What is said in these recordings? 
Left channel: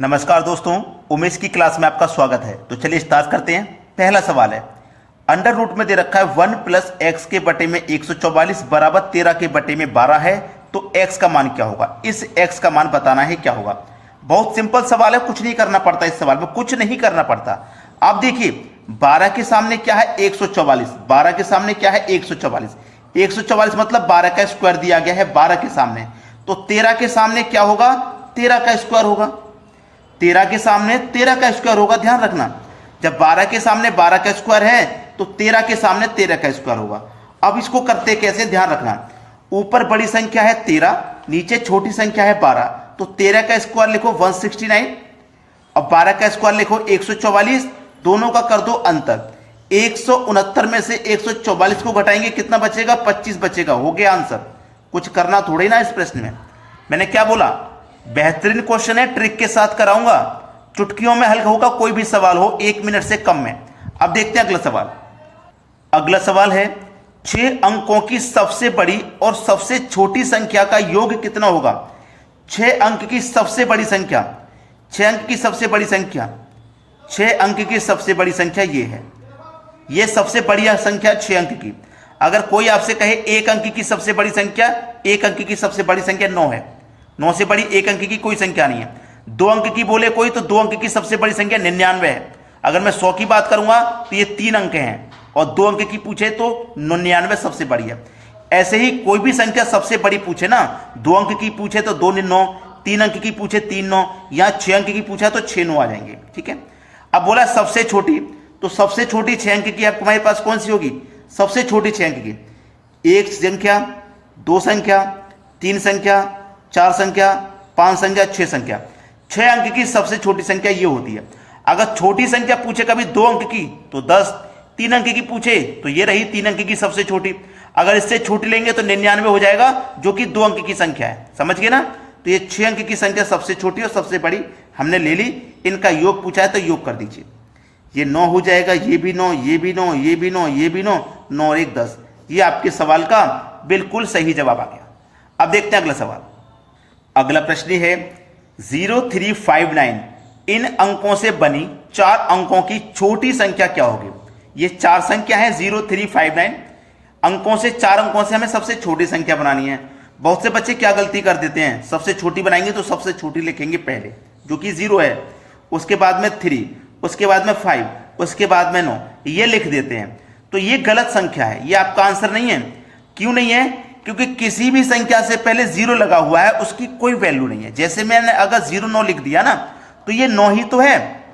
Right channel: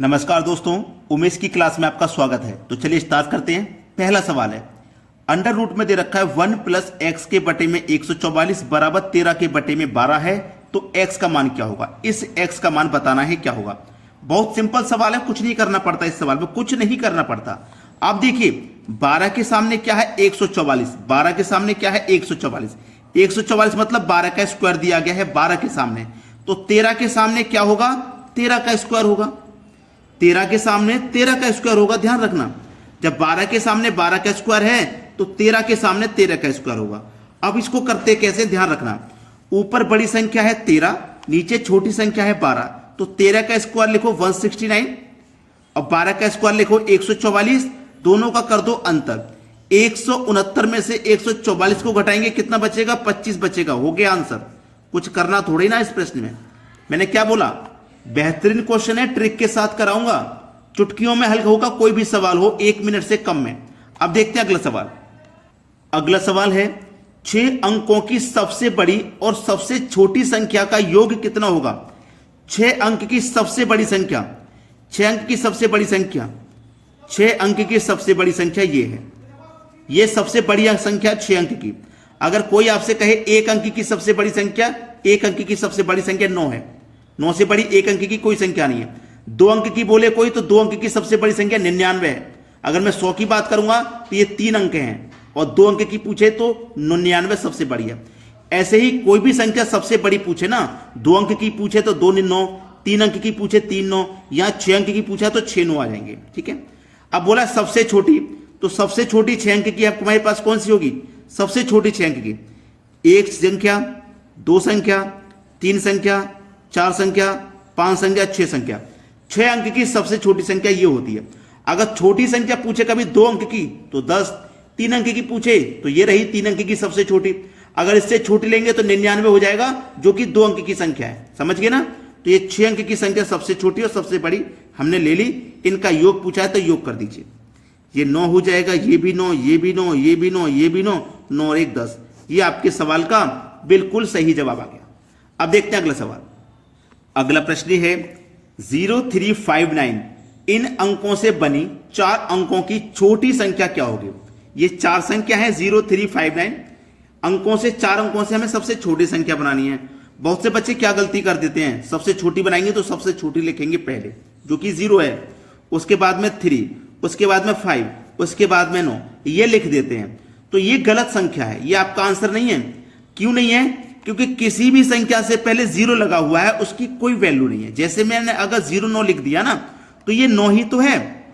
नमस्कार दोस्तों, उमेश की क्लास में आपका स्वागत है। तो चलिए स्टार्ट करते हैं। पहला सवाल है, अंडर रूट में दे रखा है 1 प्लस एक्स के बटे में 144 बराबर 13 के बटे में 12 है, तो एक्स का मान क्या होगा। इस एक्स का मान बताना है क्या होगा। बहुत सिंपल सवाल है, कुछ नहीं करना पड़ता। इस सवाल में कुछ नहीं करना पड़ता। आप देखिए 12 के सामने क्या है 144, 12 के सामने क्या है 144, 144 मतलब 12 का स्क्वायर दिया गया है 12 के सामने। तो 13 के सामने क्या होगा, 13 का स्क्वायर होगा। 13 के सामने 13 का स्क्वायर होगा। ध्यान रखना, जब 12 के सामने 12 का स्क्वायर है तो 13 के सामने 13 का स्क्वायर होगा। अब इसको करते कैसे, ध्यान रखना। ऊपर बड़ी संख्या है 13, नीचे छोटी संख्या है 12, तो 13 का स्क्वायर लिखो 169 और 12 का स्क्वायर लिखो 144। दोनों का कर दो अंतर। 169 में से 144 को घटाएंगे, कितना बचेगा, 25 बचेगा। हो गया आंसर। कुछ करना थोड़ी ना इस प्रश्न में। मैंने क्या बोला, बेहतरीन क्वेश्चन है, ट्रिक के साथ कराऊंगा। चुटकियों में हल होगा, कोई भी सवाल हो 1 मिनट से कम में। अब देखते हैं अगला सवाल। अगला सवाल है 6 अंकों की सबसे बड़ी और सबसे छोटी संख्या का योग कितना होगा। 6 अंक की सबसे बड़ी संख्या, 6 अंक की सबसे बड़ी संख्या, 6 अंक की सबसे बड़ी संख्या ये है। ये सबसे बड़ी संख्या 6 अंक की। अगर कोई आपसे कहे 1 अंक की सबसे बड़ी संख्या, 1 अंक की सबसे बड़ी संख्या 9 है। 9 से बड़ी 1 अंक की कोई संख्या नहीं है। 2 अंक की बोले कोई, तो 2 अंक की सबसे बड़ी संख्या 99 है। अगर मैं 100 की बात करूंगा तो ये 3 अंक हैं, और 2 अंक की पूछे तो 99 सबसे बड़ी है। ऐसे ही कोई भी संख्या सबसे बड़ी पूछे ना, 2 अंक की पूछे तो 2 9, 3 अंक की पूछे 3 9, या 6 अंक की पूछा तो 6 9 आ जाएंगे। ठीक है। अब बोला सबसे छोटी, तो सबसे छोटी 6 अंक की तुम्हारे पास कौन सी होगी, सबसे छोटी 6 अंक की। 1 संख्या, 2 संख्या, 3 संख्या, 4 संख्या, 5 संख्या, 6 संख्या। 6 अंक की सबसे छोटी संख्या ये होती है। अगर छोटी संख्या पूछे कभी 2 अंक की तो 10, 3 अंक की पूछे तो ये रही 3 अंक की सबसे छोटी। अगर इससे छोटी लेंगे तो 99 हो जाएगा, जो कि 2 अंक की संख्या है। समझ गए ना। तो ये 6 अंक की संख्या सबसे छोटी और सबसे बड़ी हमने ले ली। इनका योग पूछा है तो योग कर दीजिए। ये 9 हो जाएगा, ये भी 9, ये भी 9, ये भी 9, ये भी 9, 9 और 1 10। ये आपके सवाल का बिल्कुल सही जवाब आ गया। अब देखते हैं अगला सवाल। अगला प्रश्न है 0359 इन अंकों से बनी 4 अंकों की छोटी संख्या क्या होगी। ये 4 संख्या है 0359 अंकों से, 4 अंकों से हमें सबसे छोटी संख्या बनानी है। बहुत से बच्चे क्या गलती कर देते हैं, सबसे छोटी बनाएंगे तो सबसे छोटी लिखेंगे पहले, जो कि 0 है, उसके बाद में 3, उसके बाद में 5, उसके बाद में 9, ये लिख देते हैं। तो ये गलत संख्या है, ये आपका आंसर नहीं है। क्यों नहीं है, क्योंकि किसी भी संख्या से पहले 0 लगा हुआ है, उसकी कोई वैल्यू नहीं है। जैसे मैंने अगर 0 9 लिख दिया ना, तो ये 9 ही तो है,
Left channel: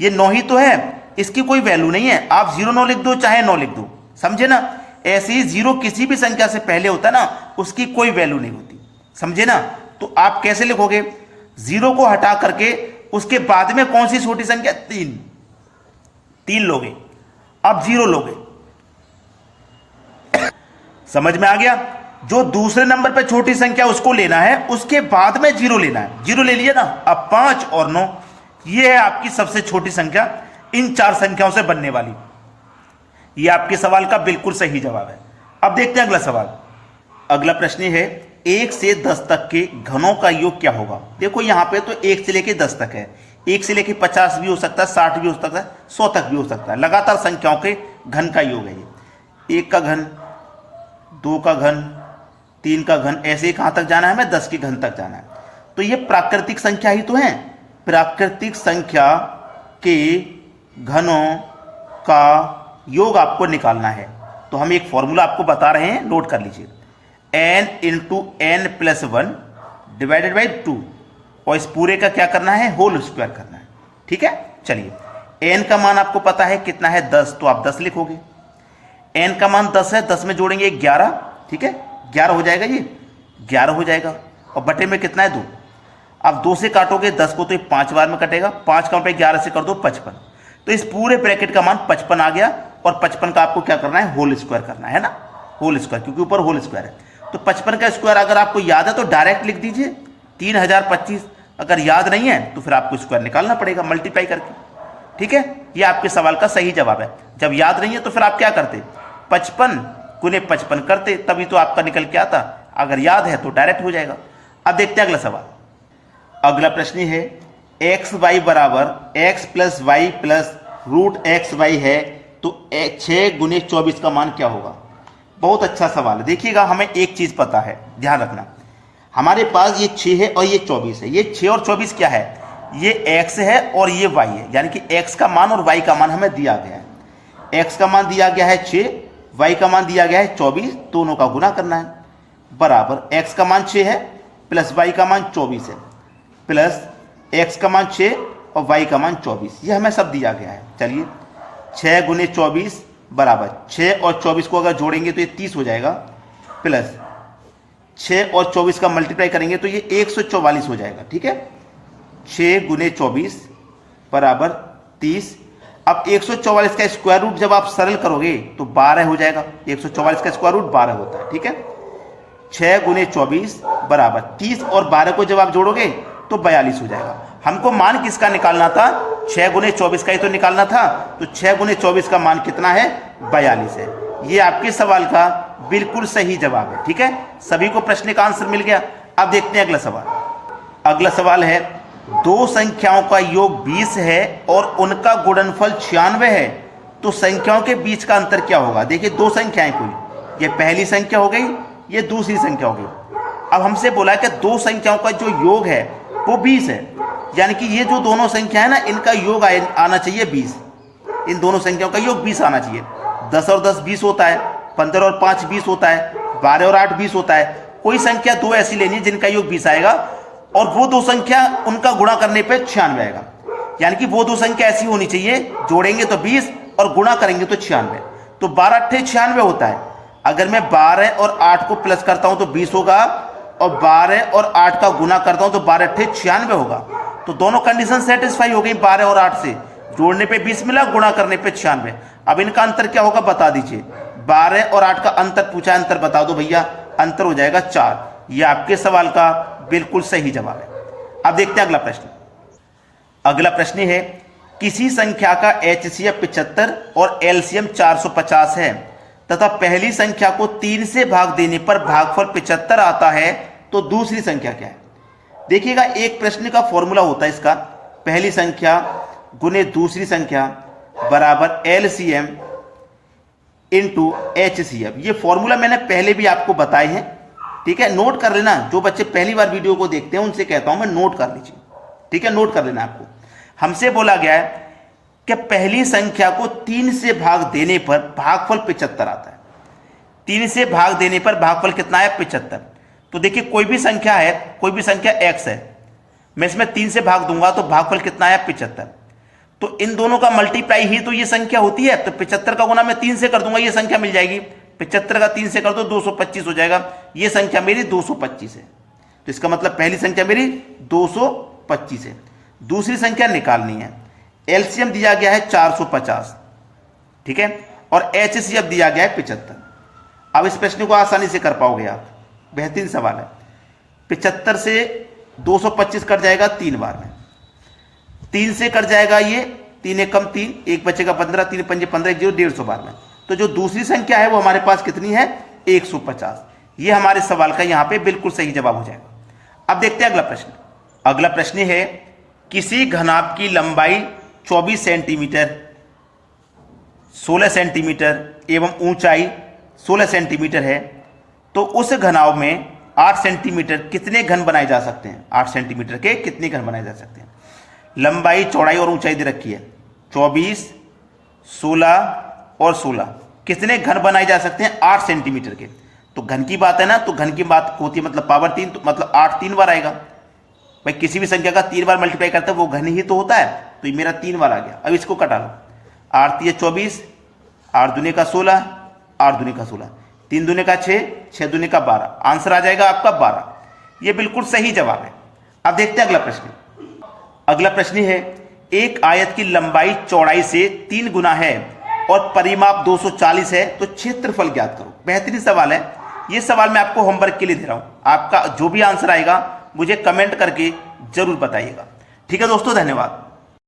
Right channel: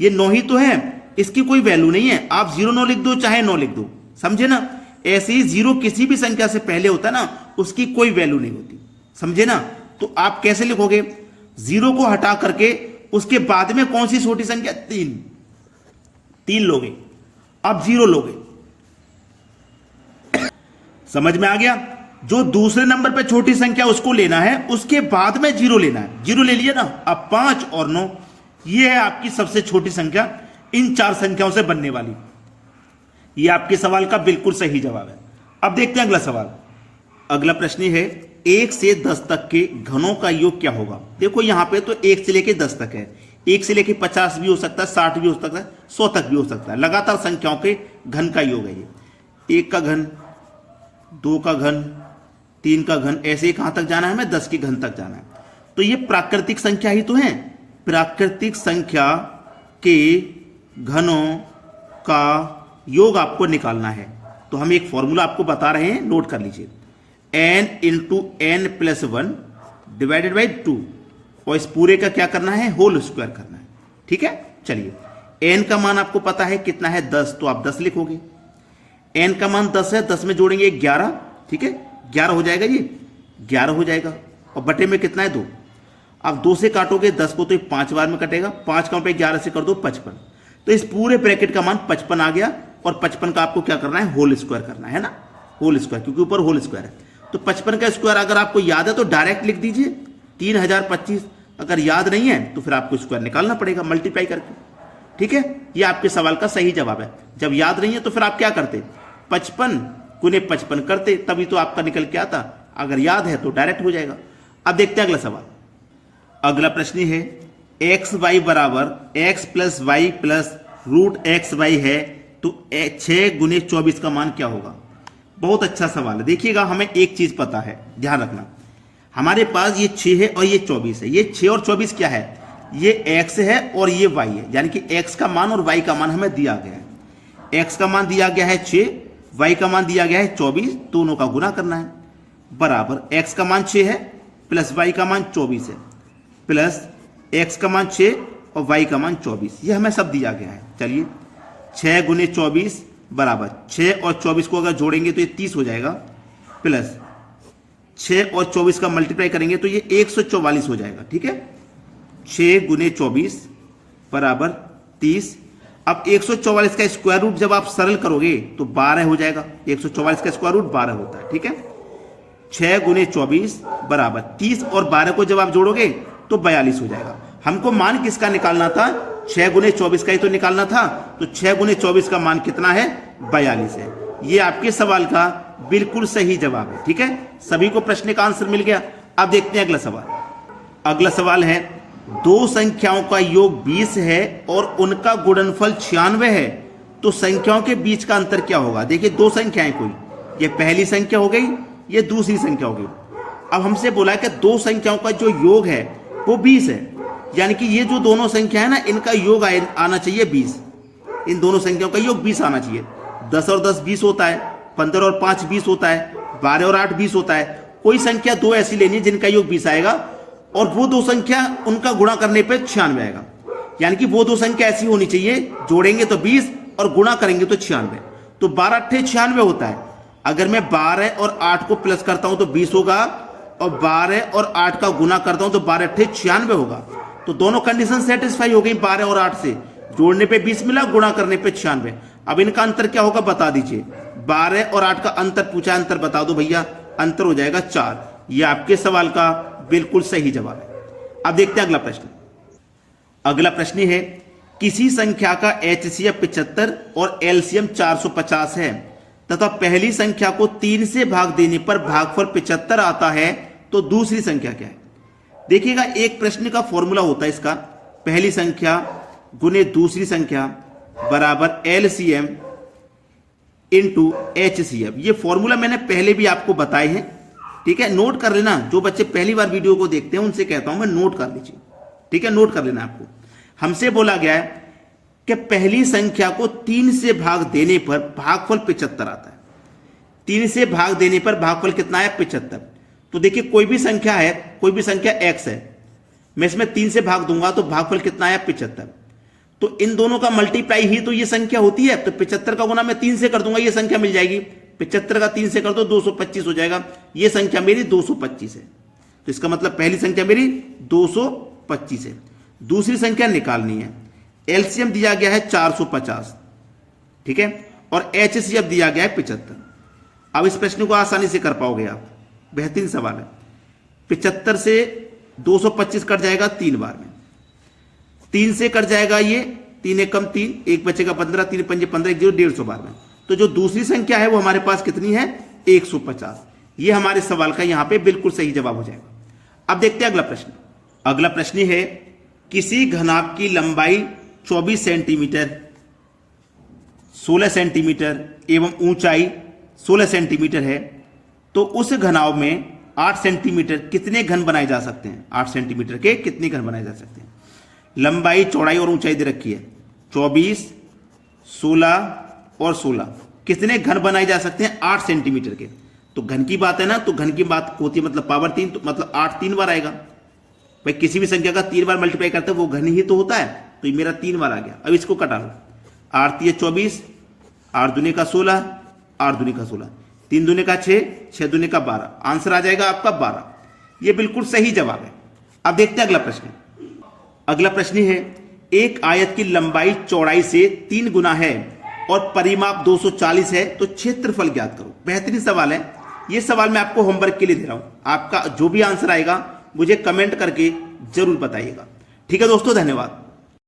ये 9 ही तो है, इसकी कोई वैल्यू नहीं है। आप 0 9 लिख दो चाहे 9 लिख दो, समझे ना। ऐसे ही 0 किसी भी संख्या से पहले होता है ना, उसकी कोई वैल्यू नहीं होती, समझे ना। तो आप कैसे लिखोगे, 0 को हटा करके उसके बाद में कौन सी छोटी संख्या, 3 लोगे, अब 0 लोगे। समझ में आ गया। जो दूसरे नंबर पर छोटी संख्या उसको लेना है, उसके बाद में 0 लेना है। 0 ले लिया ना, अब 5 और 9, ये है आपकी सबसे छोटी संख्या इन 4 संख्याओं से बनने वाली। ये आपके सवाल का बिल्कुल सही जवाब है। अब देखते हैं अगला सवाल। अगला प्रश्न है 1 से 10 तक के घनों का योग क्या होगा। देखो यहां पे तो 1 से लेके 10 तक है, 1 से लेके 50 भी हो सकता है, 60 भी हो सकता है, 100 तक भी हो सकता है। लगातार संख्याओं के घन का योग है ये। 1 का घन, 2 का घन, 3 का घन, ऐसे ही कहां तक जाना है, हमें 10 के घन तक जाना है। तो ये प्राकृतिक संख्या ही तो है। प्राकृतिक संख्या के घनों का योग आपको निकालना है। तो हम एक फॉर्मूला आपको बता रहे हैं, नोट कर लीजिए। n into n plus 1 divided by 2, और इस पूरे का क्या करना है, होल स्क्वायर करना है। ठीक है। चलिए n का मान आपको पता है कितना है, 10, तो आप 10 लिखोगे। n का मान 10 है, 10 में जोड़ेंगे 11, ठीक है, 11 हो जाएगा, ये 11 हो जाएगा। और बटे में कितना है, 2। अब 2 से काटोगे 10 को तो ये 5 बार में कटेगा, 5 का पे 11 से कर दो 55। तो इस पूरे ब्रैकेट का मान 55 आ गया, और 55 का आपको क्या करना है, होल स्क्वायर करना है ना, होल स्क्वायर, क्योंकि ऊपर होल स्क्वायर है। तो 55 का स्क्वायर अगर आपको याद है तो डायरेक्ट लिख दीजिए 3025। अगर याद नहीं है तो फिर आपको स्क्वायर निकालना पड़ेगा मल्टीप्लाई करके। ठीक है। ये आपके सवाल का सही जवाब है। जब याद नहीं है तो फिर आप क्या करते, 55 गुने 55 करते, तभी तो आपका निकल के आता। अगर याद है तो डायरेक्ट हो जाएगा। अब देखते हैं अगला सवाल। अगला प्रश्न है एक्स वाई बराबर X plus Y plus root X Y है तो 6 गुने 24 का मान क्या होगा? बहुत अच्छा सवाल है। देखिएगा, हमें एक चीज पता है, ध्यान रखना, हमारे पास ये 6 है और ये 24 है। ये 6 और 24 क्या है? ये x है और ये y है, यानी कि x का मान और y का मान हमें दिया गया है। x का मान दिया गया है 6, y का मान दिया गया है 24, दोनों का गुना करना है। बराबर x का मान 6 है प्लस y का मान 24 है प्लस x का मान 6 और y का मान 24, ये हमें सब दिया गया है। चलिए, 6 गुने 24 बराबर 6 और 24 को अगर जोड़ेंगे तो ये 30 हो जाएगा, प्लस 6 और 24 का मल्टीप्लाई करेंगे तो ये 144 हो जाएगा। ठीक है, 6 गुने 24 बराबर 30। अब 144 का स्क्वायर रूट जब आप सरल करोगे तो 12 हो जाएगा। 144 का स्क्वायर रूट 12 होता है। ठीक है, 6 गुने 24 बराबर 30 और 12 को जब आप जोड़ोगे तो 42 हो जाएगा। हमको मान किसका निकालना था? 6 गुने 24 का ही तो निकालना था, तो 6 गुने 24 का मान कितना है? 42 है। ये आपके सवाल का बिल्कुल सही जवाब है। ठीक है, सभी को प्रश्न का आंसर मिल गया। अब देखते हैं अगला सवाल। अगला सवाल है, दो संख्याओं का योग 20 है और उनका गुणनफल 96 है, तो संख्याओं के बीच का अंतर क्या होगा? देखिए, दो संख्याएं कोई, ये पहली संख्या हो गई, ये दूसरी संख्या हो गई। अब हमसे बोला है कि दो संख्याओं का जो योग है वो 20 है, यानी कि ये जो दोनों संख्या है ना, इनका योग आना चाहिए 20। इन दोनों संख्याओं का योग 20 आना चाहिए। 10 और 10 20 होता है, 15 और 5 20 होता है, 12 और 8 20 होता है। कोई संख्या दो ऐसी लेनी है जिनका योग 20 आएगा और वो दो संख्या उनका गुणा करने पे 96 आएगा, यानी कि वो दो संख्या ऐसी होनी चाहिए, जोड़ेंगे तो 20 और गुणा करेंगे तो 96। तो 12 अट्ठे 96 होता है। अगर मैं 12 और 8 को प्लस करता हूं तो 20 होगा, और 12 और 8 का गुणा करता हूं तो 12 अट्ठे 96 होगा। तो दोनों कंडीशन सेटिस्फाई हो गई। 12 और 8 से जोड़ने पे 20 मिला, गुणा करने पे 96। अब इनका अंतर क्या होगा बता दीजिए। 12 और 8 का अंतर पूछा, अंतर बता दो भैया। अंतर हो जाएगा 4। यह आपके सवाल का बिल्कुल सही जवाब है। अब देखते हैं अगला प्रश्न। अगला प्रश्न है, किसी संख्या का HCF 75 और LCM 450 है तथा पहली संख्या को 3 से भाग देने पर भागफल 75 आता है, तो दूसरी संख्या क्या है? देखिएगा, एक प्रश्न का फॉर्मूला होता है इसका, पहली संख्या गुने दूसरी संख्या बराबर LCM इंटू HCF। ये फॉर्मूला मैंने पहले भी आपको बताए हैं। ठीक है, नोट कर लेना। जो बच्चे पहली बार वीडियो को देखते हैं उनसे कहता हूं मैं, नोट कर लीजिए। ठीक है, नोट कर लेना। आपको हमसे बोला गया है कि पहली संख्या को 3 से भाग देने पर भागफल 75 आता है। 3 से भाग देने पर भागफल कितना है? 75। तो देखिए, कोई भी संख्या है, कोई भी संख्या x है, मैं इसमें 3 से भाग दूंगा तो भागफल कितना है? 75। तो इन दोनों का मल्टीप्लाई ही तो ये संख्या होती है। तो 75 का गुना मैं 3 से कर दूंगा, ये संख्या मिल जाएगी। 75 का 3 से कर दो 225 हो जाएगा। ये संख्या मेरी 225 है। तो इसका मतलब पहली संख्या मेरी 225 है। दूसरी संख्या निकालनी है। एलसीएम दिया गया है 450, ठीक है, और HCF दिया गया है 75। अब इस प्रश्न को आसानी से कर पाओगे आप, बेहतरीन सवाल है। 75 से 225 कट जाएगा 3 बार में, 3 से कट जाएगा ये 3 एकम 3, 1 बचेगा 15, 3 पंजे 15, 150 बार में। तो जो दूसरी संख्या है वो हमारे पास कितनी है? 150। ये हमारे सवाल का यहां पे बिल्कुल सही जवाब हो जाएगा। अब देखते हैं अगला प्रश्न। अगला प्रश्न है, किसी घनाभ की लंबाई 24 सेंटीमीटर, 16 सेंटीमीटर एवं ऊंचाई 16 सेंटीमीटर है, तो उस घनाभ में 8 सेंटीमीटर कितने घन बनाए जा सकते हैं? 8 सेंटीमीटर के कितने घन बनाए जा सकते हैं? लंबाई, चौड़ाई और ऊंचाई दे रखी है। 24, 16 और 16 कितने घन बनाए जा सकते हैं? 8 सेंटीमीटर के। तो घन की बात है ना, तो घन की बात होती है मतलब पावर 3, तो मतलब 8 3 बार आएगा। भाई किसी भी संख्या का 3 बार मल्टीप्लाई करता है वो घन ही तो होता है, तो ये मेरा 3 बार आ गया। अब इसको कटा लो। 8 3 24, 8 दूनी का 16, 8 दूनी का 16, 3 दूनी का 6, 6 दूनी का 12। आंसर आ जाएगा आपका 12। ये बिल्कुल सही जवाब है। अब देखते हैं अगला प्रश्न। अगला प्रश्न है, एक आयत की लंबाई चौड़ाई से 3 गुना है और परिमाप 240 है, तो क्षेत्रफल ज्ञात करो। बेहतरीन सवाल है। ये सवाल मैं आपको होमवर्क के लिए दे रहा हूं। आपका जो भी आंसर आएगा मुझे कमेंट करके जरूर बताइएगा। ठीक है दोस्तों, धन्यवाद।